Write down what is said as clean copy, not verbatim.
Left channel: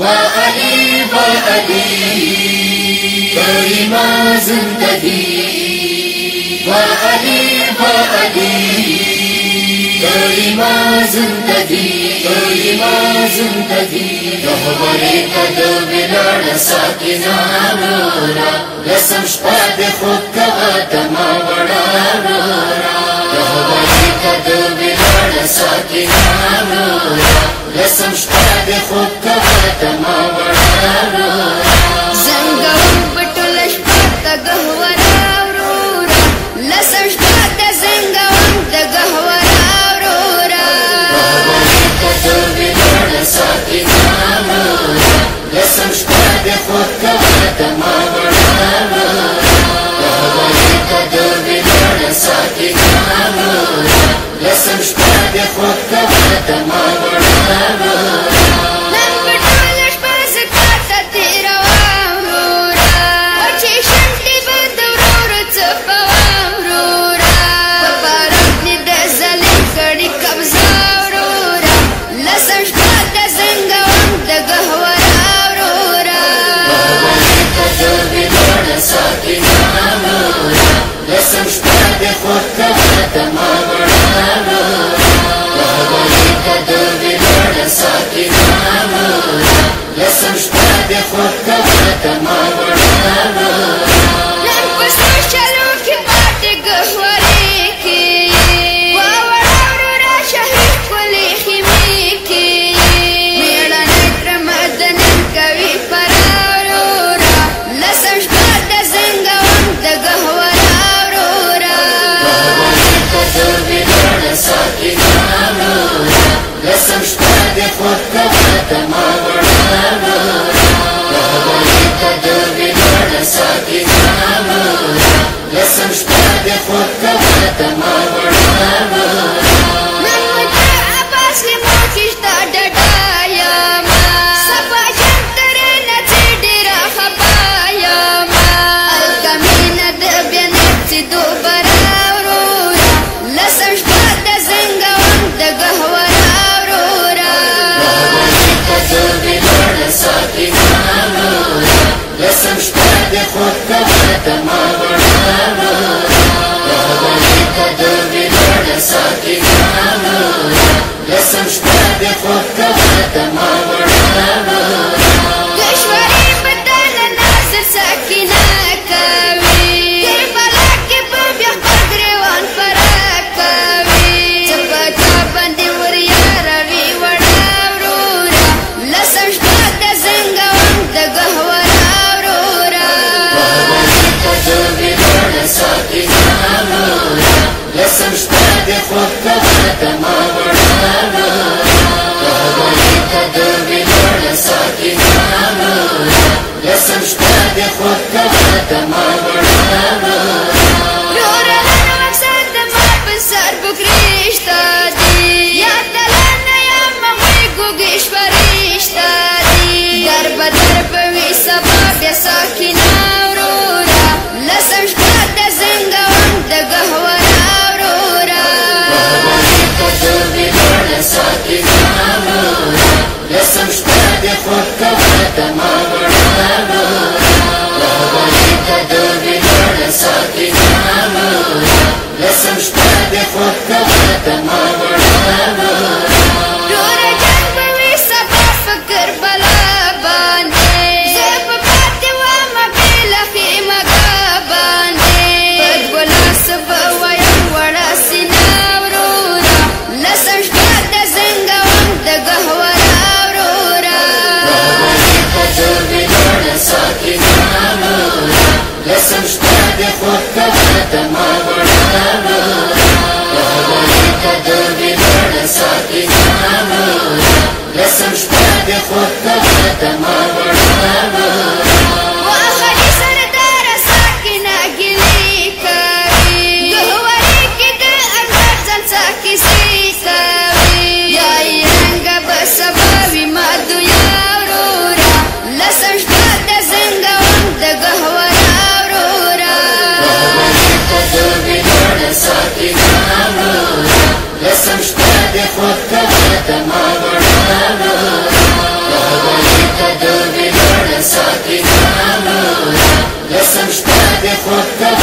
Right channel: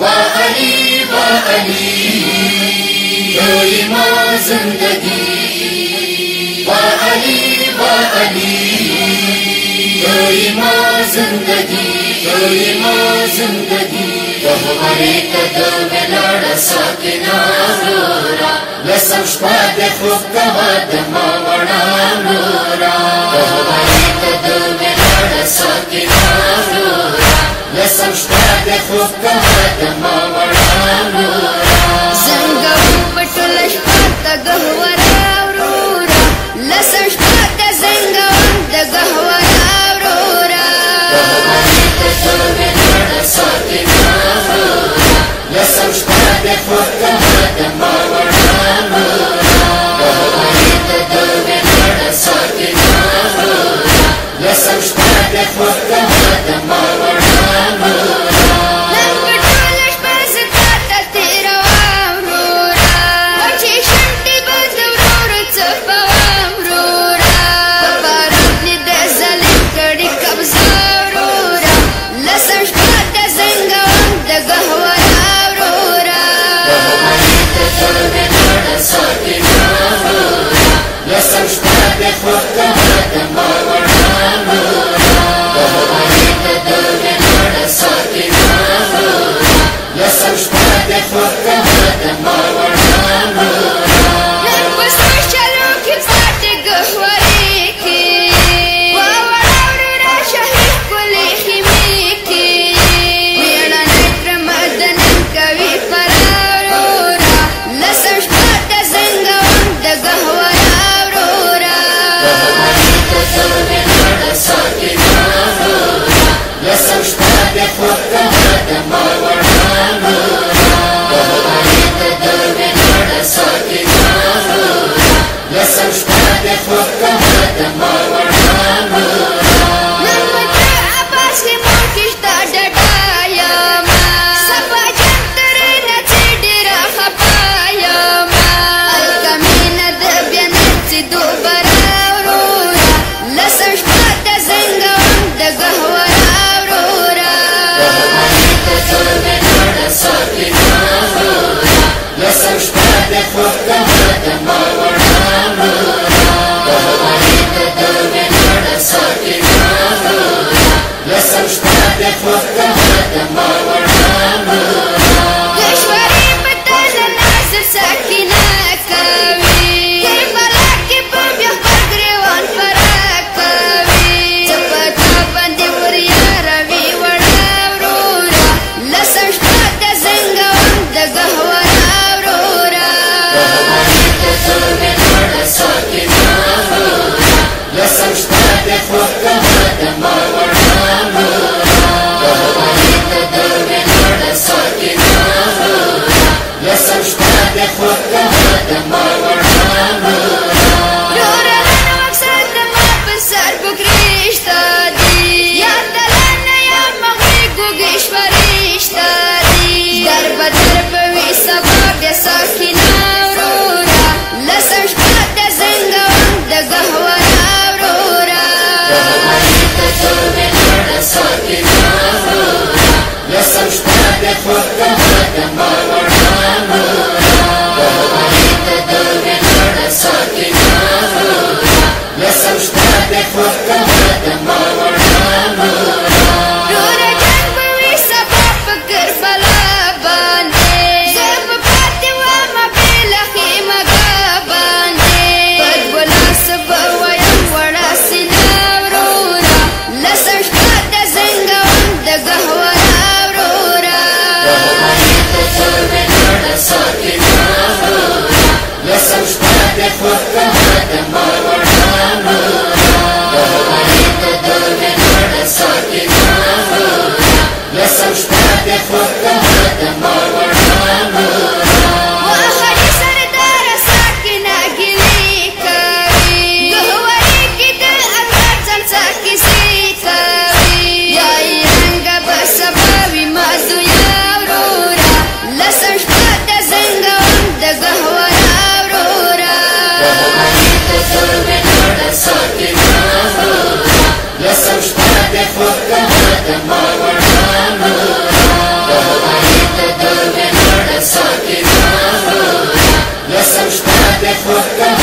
علی تیری ماں زندگی علی تیری ماں زندگی گہورے قدم لڑ ساکنا رورا لسم شپاد خوب کباد ماوڑا رورا گہورے قدم لڑ ساکنا رورا لسم شپاد خوب کباد ماوڑا رورا زنگو بٹولش پاتا گہورا رورا لسم شپاد زنگو د گہورا رورا گہورے قدم لڑ ساکنا رورا لسم شپاد خوب کباد ماوڑا رورا گہورے قدم لڑ ساکنا رورا لسم شپاد خوب کباد ماوڑا رورا نن بٹولش پاس تاتا تیرا رورا وچی شنٹی بد رور چپوام رورا پپارات نی د ظالم کڑی قبضہ رورا لسم شپاد زنگوام د گہورا رورا گہورے قدم لڑ ساکنا رورا لسم شپاد خوب کباد ماوڑا رورا گہورے قدم لڑ ساکنا رورا لسم شپاد خوب کباد ماوڑا رورا نن پسو شلو کی پات گہورے کی واوڑا رورا شہر کلی خیمی کی میڑا نیتر مدنن کوی پرا رورا لسم شپاد زنگوام د گہورا رورا گہورے قدم لڑ ساکنا رورا لسم شپاد خوب کباد ماوڑا رورا گہورے قدم لڑ ساکنا رورا لسم شپاد خوب کباد ماوڑا رورا نن مجھے عباس کی موکشتا ڈڈایا ما سپا جنتر نچی ڈیرا خپایا ما الکمین د بیانت سی دو برا رورا لسم شپاد زنگوام د گہورا رورا گہورے قدم لڑ ساکنا رورا لسم شپاد خوب کباد ماوڑا رورا گہورے قدم لڑ ساکنا رورا لسم شپاد خوب کباد ماوڑا رورا کشوری بدل ناصر سکینہ کوي کربلا کې په بیا خپل ګریوان پرا کوي چپتا باندې وریا روي وړا ورورا لسم شپاد زنګوام د گہورا ورورا گہورے قدم لڑ ساکنا رورا لسم شپاد خوب کباد ماوڑا رورا گہورے قدم لڑ ساکنا رورا لسم شپاد خوب کباد ماوڑا رورا رورا نن مقصد ما په سر بکرشتا دی یا دلان یا مغوی گوگیش فرشتا دی در بدر بوی سبا بیا ساکینا ورورا لسم شپاد زنگوام د گہورا ورورا گہورے قدم لڑ ساکنا رورا لسم شپاد خوب کباد ماوڑا رورا گہورے قدم لڑ ساکنا رورا لسم شپاد خوب کباد ماوڑا رورا رورا جنگ بوی سبا فکر بلا باندے زب پاتی واما بیلا خیمہ گا باندے پد بلا سبا ویم وڑا سینا ورورا لسم شپاد زنگوام د گہورا ورورا گہورے فرته